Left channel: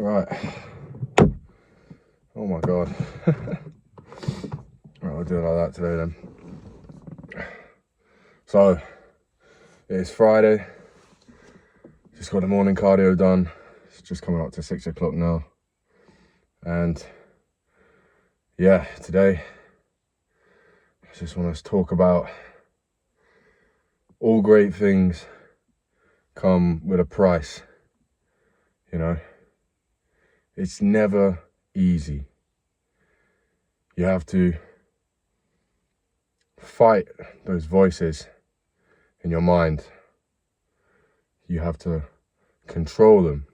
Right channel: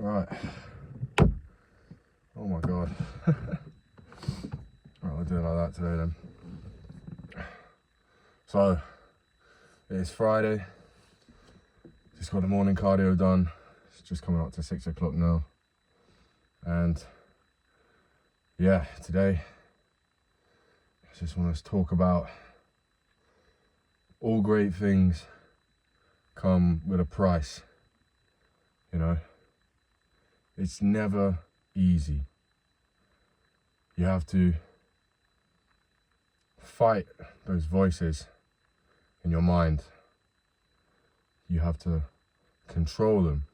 Right. Oh my God. Right, we'll do it like that today then. So, it's Friday. Just got the morning cardio done. It's just coming up to 6 o'clock now. And yeah, today, I just want to talk about all great things come with a price, you know. It's never easy. You have to fight those voices in your mind. You have to control them.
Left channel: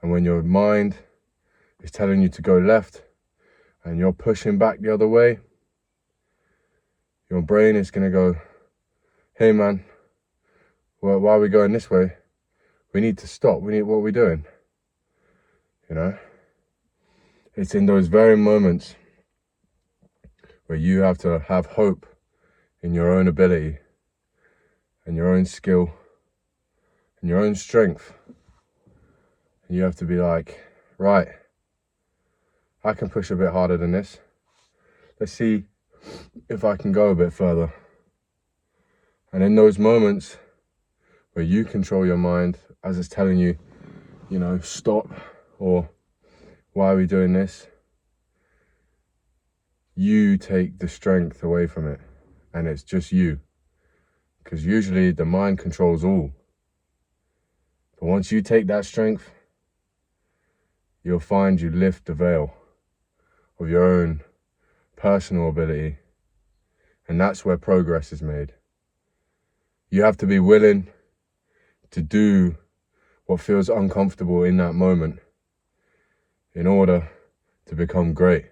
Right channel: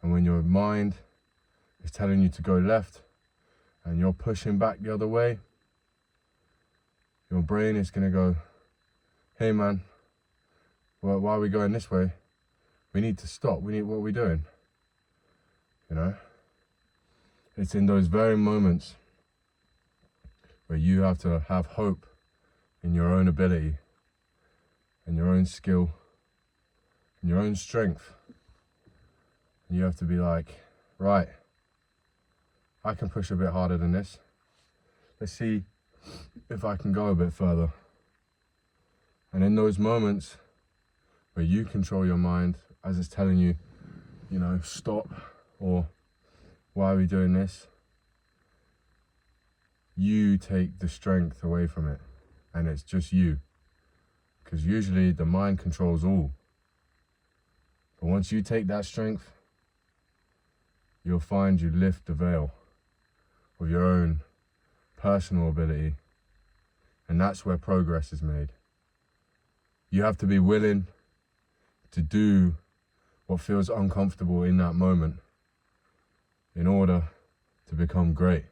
And when your mind is telling you to go left and you're pushing back the other way, your brain is going to go, hey man, well, why are we going this way? We need to stop. What are we doing? You know? It's in those very moments where you have to have hope in your own ability and your own skill and your own strength. And you have to be like, right, I can push a bit harder than this. Let's see if I can go a bit further. And in those moments where you control your mind as it's telling you, you know, stop, or why are we doing this? You take the strength away from it, and it's just you. Because usually the mind controls all. But once you take that strength, you'll find you lift the veil of your own personal ability. And that's where progress is made. You have to be willing to do what feels uncomfortable in that moment in order to become great.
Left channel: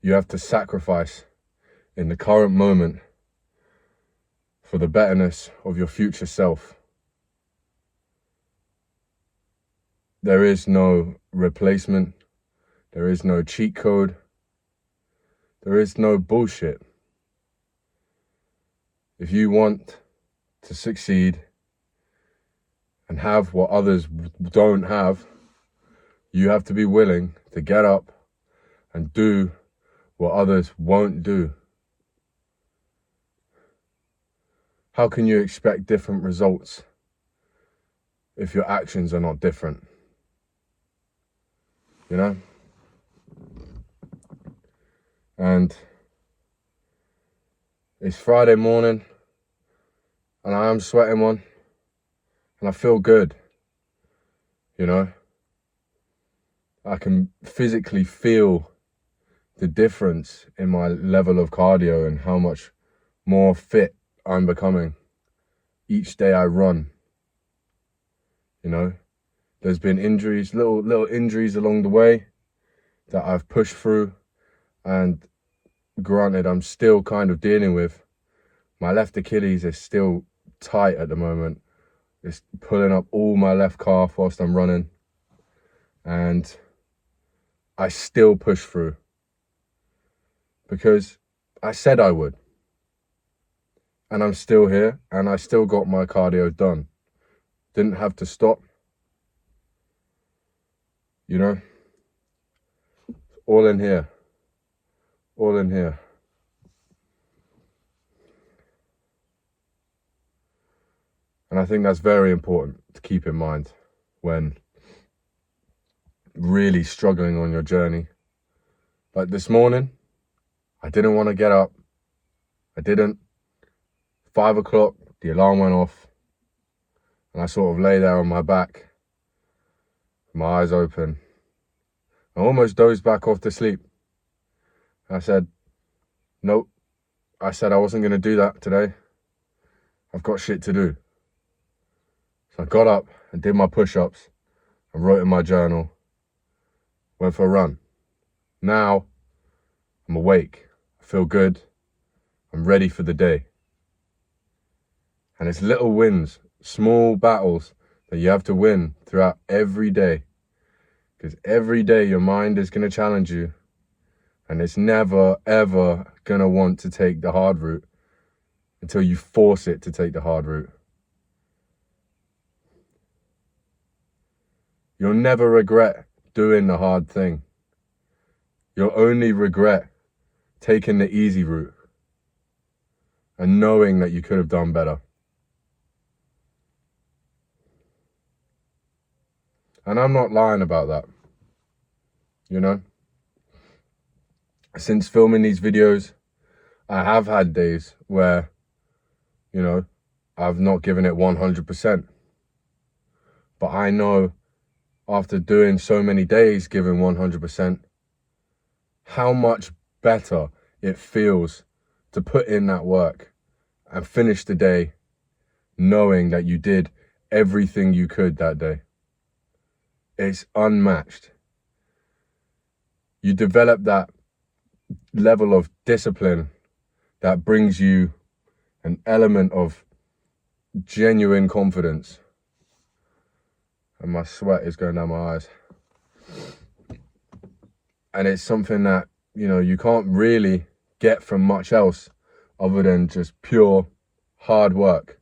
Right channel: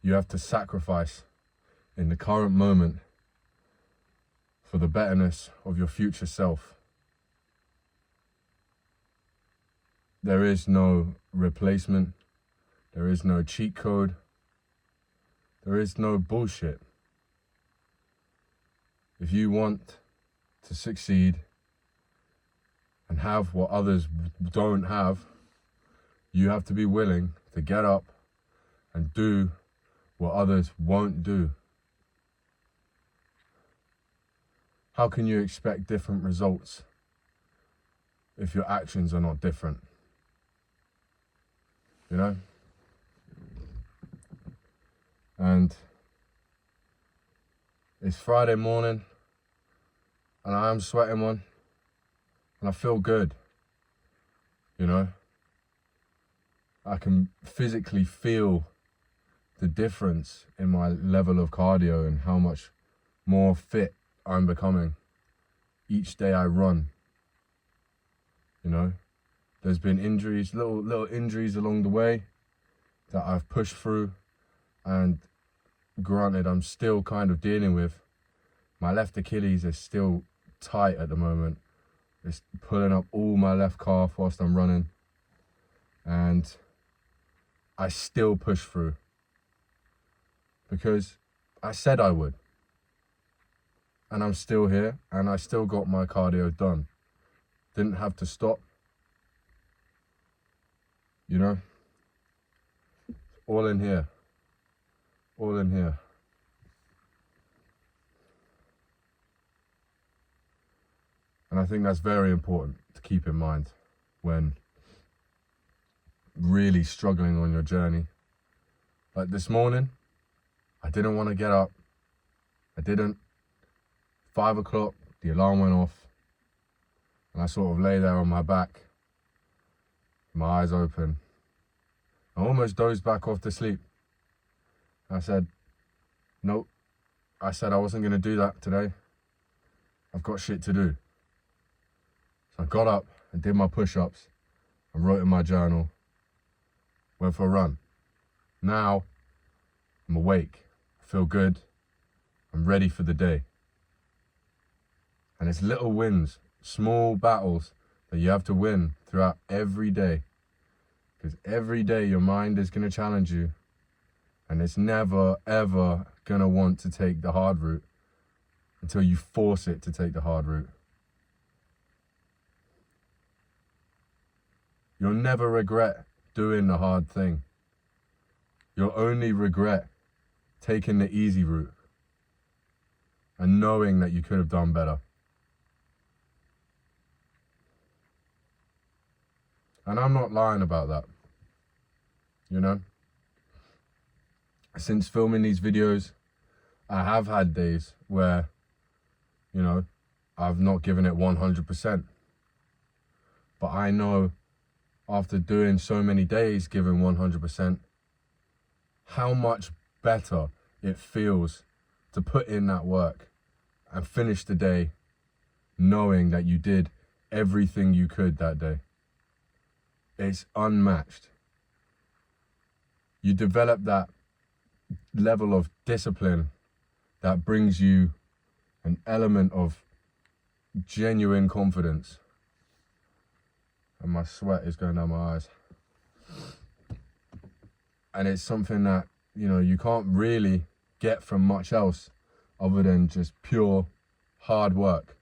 You have to sacrifice in the current moment for the betterness of your future self. There is no replacement. There is no cheat code. There is no bullshit. If you want to succeed and have what others don't have, you have to be willing to get up and do what others won't do. How can you expect different results if your actions are not different? You know? And it's Friday morning and I am sweating one and I feel good, you know? I can physically feel the difference in my level of cardio and how much more fit I'm becoming each day I run. You know, there's been injuries, little injuries along the way that I've pushed through, and granted, I'm still kind of dealing with. My left Achilles is still tight at the moment. It's pulling up all my left calf whilst I'm running, and I still push through because I said I would. And I'm still here, and I still got my cardio done. Didn't have to stop. You know? All in here. All in here. And I think that's very important to keep in mind when really struggling on your journey. Like this morning, I didn't want to get up. I didn't. 5 o'clock, the alarm went off, and I sort of lay there on my back, my eyes open. I almost dozed back off to sleep. I said, nope. I said I wasn't going to do that today. I've got shit to do. So I got up and did my push-ups and wrote in my journal, went for a run. Now, I'm awake. I feel good. I'm ready for the day. And it's little wins, small battles that you have to win throughout every day. Because every day your mind is going to challenge you. And it's never, ever going to want to take the hard route until you force it to take the hard route. You'll never regret doing the hard thing. You'll only regret taking the easy route and knowing that you could have done better. And I'm not lying about that, you know? Since filming these videos, I have had days where, you know, I've not given it 100%. But I know after doing so many days giving 100%, how much better it feels to put in that work and finish the day knowing that you did everything you could that day. It's unmatched. You develop that level of discipline that brings you an element of genuine confidence. And my sweat is going down my eyes. And it's something that, you know, you can't really get from much else other than just pure hard work.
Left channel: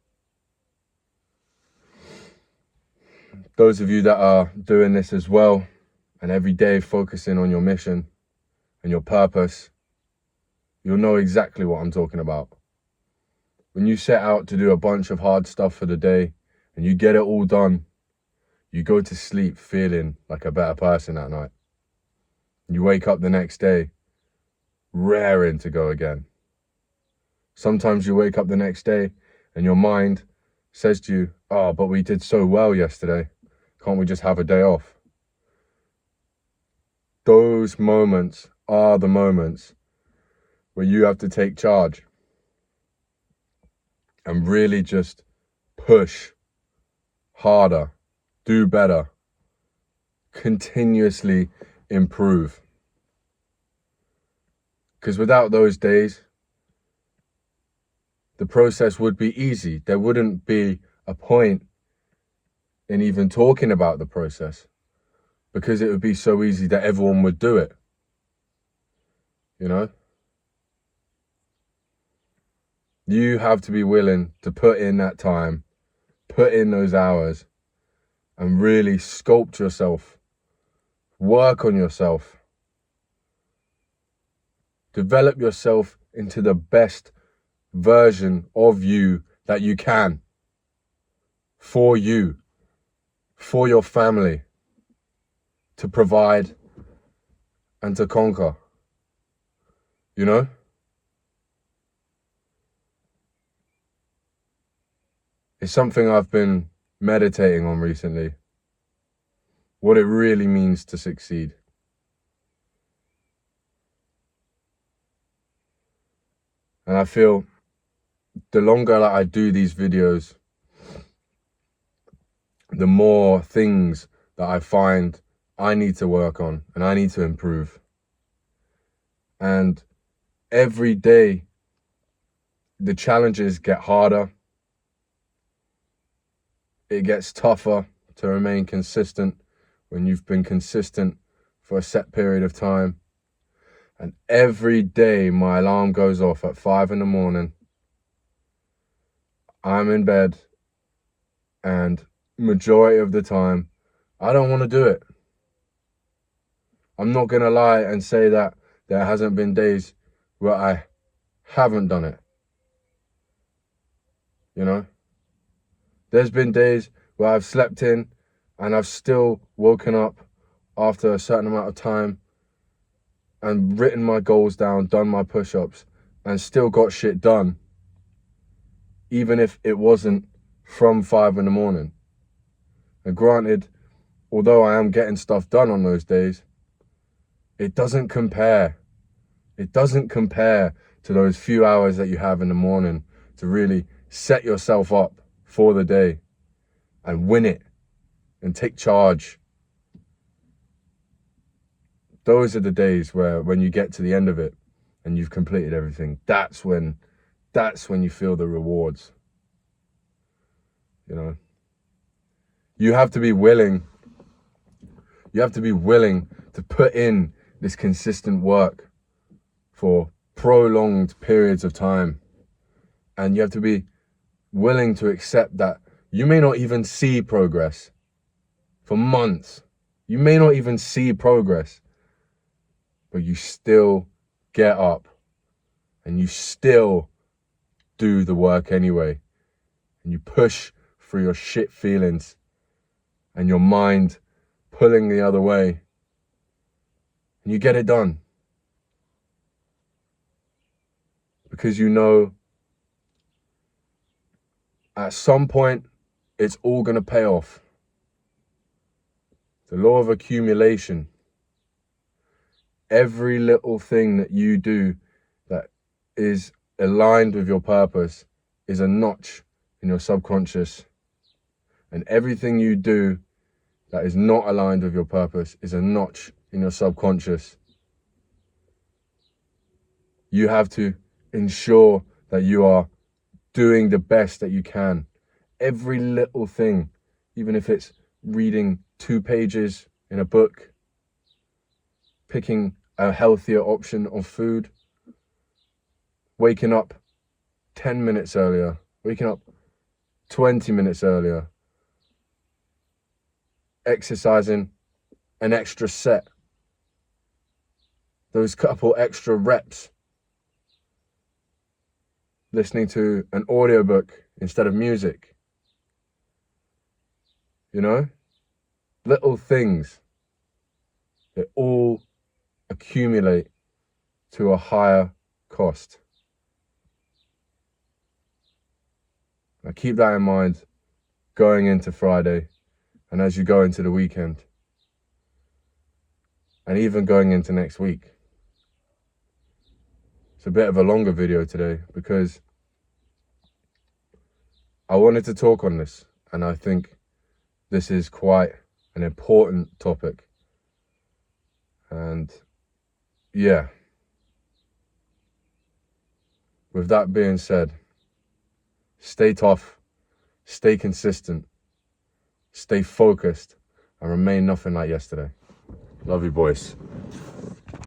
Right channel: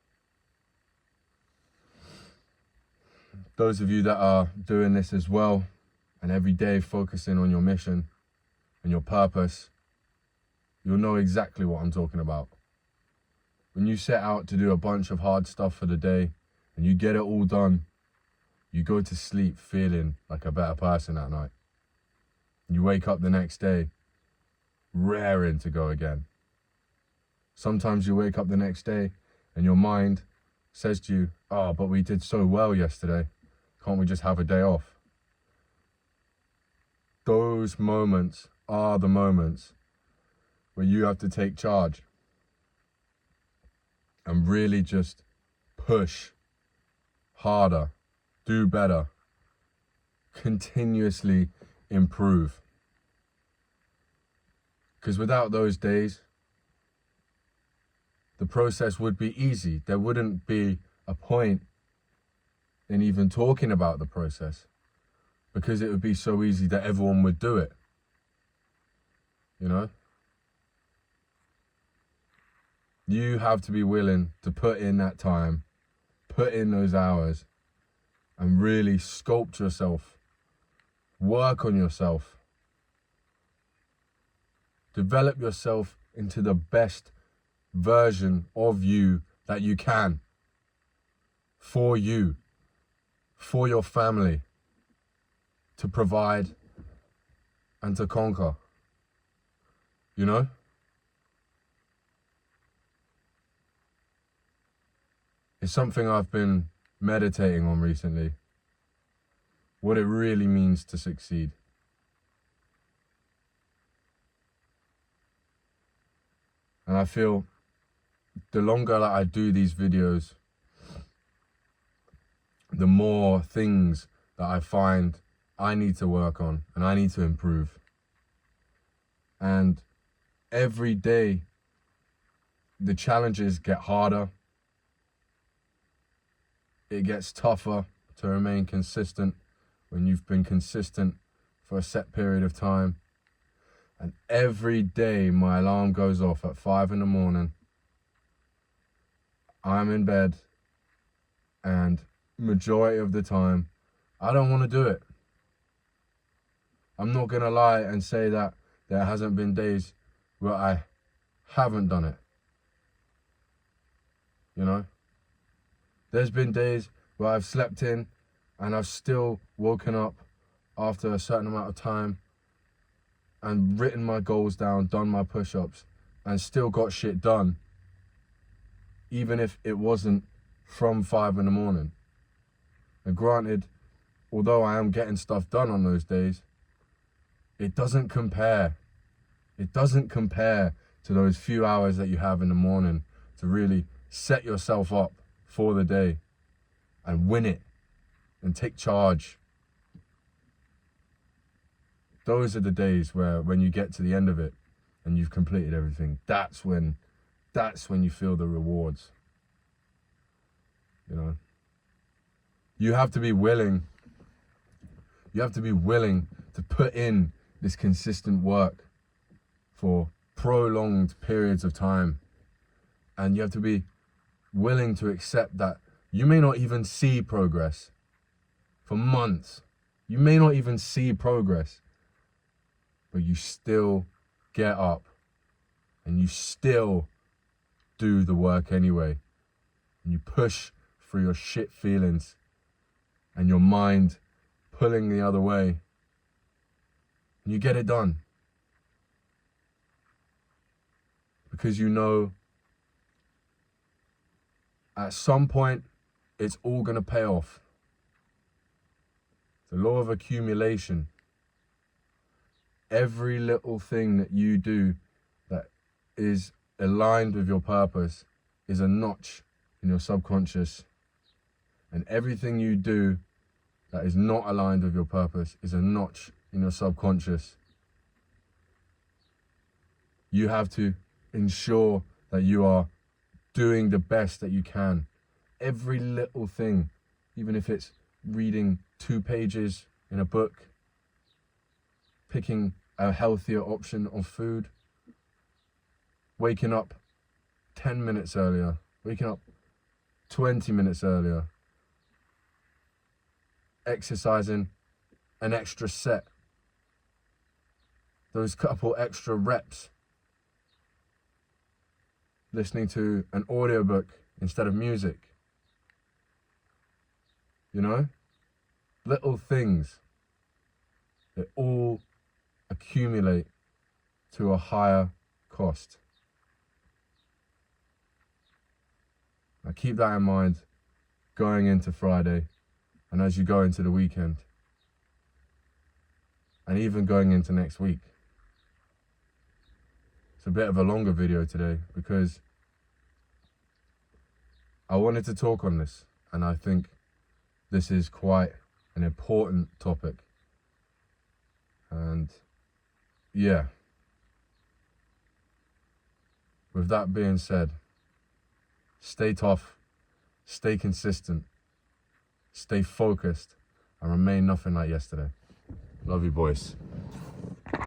Those of you that are doing this as well, and every day focusing on your mission and your purpose, you'll know exactly what I'm talking about. When you set out to do a bunch of hard stuff for the day and you get it all done, you go to sleep feeling like a better person that night. You wake up the next day raring to go again. Sometimes you wake up the next day and your mind says to you, oh, but we did so well yesterday. Can't we just have a day off? Those moments are the moments where you have to take charge and really just push harder, do better, continuously improve. Because without those days, the process would be easy. There wouldn't be a point in even talking about the process because it would be so easy that everyone would do it. You know? You have to be willing to put in that time, put in those hours, and really sculpt yourself, work on yourself, develop yourself into the best version of you that you can, for you, for your family, to provide and to conquer, you know? It's something I've been meditating on recently, what it really means to succeed. And I feel the longer that I do these videos, the more things that I find I need to work on and I need to improve. And every day, the challenges get harder. It gets tougher to remain consistent when you've been consistent for a set period of time. And every day my alarm goes off at 5 a.m. I'm in bed, and majority of the time, I don't want to do it. I'm not going to lie and say that there hasn't been days where I haven't done it. You know? There's been days where I've slept in and I've still woken up after a certain amount of time and written my goals down, done my push-ups, and still got shit done, even if it wasn't from 5 a.m. And granted, although I am getting stuff done on those days, it doesn't compare. It doesn't compare to those few hours that you have in the morning to really set yourself up for the day and win it and take charge. Those are the days where when you get to the end of it and you've completed everything, that's when you feel the rewards. You know, you have to be willing to put in this consistent work for prolonged periods of time. And you have to be willing to accept that you may not even see progress for months, You may not even see progress, but you still get up and you still do the work anyway. And you push through your shit feelings and your mind pulling the other way. And you get it done. Because you know at some point it's all going to pay off. The law of accumulation. Every little thing that you do that is aligned with your purpose is a notch in your subconscious. And everything you do that is not aligned with your purpose is a notch in your subconscious. You have to ensure that you are doing the best that you can. Every little thing, even if it's reading 2 pages in a book, picking a healthier option of food, waking up 10 minutes earlier, waking up 20 minutes earlier, exercising an extra set, those couple extra reps, listening to an audiobook instead of music. You know? Little things, they all accumulate to a higher cost. Now keep that in mind going into Friday and as you go into the weekend and even going into next week. It's a bit of a longer video today because I wanted to talk on this, and I think this is quite an important topic. And yeah, with that being said, stay tough, stay consistent, stay focused, and remain nothing like yesterday. Love you, boys.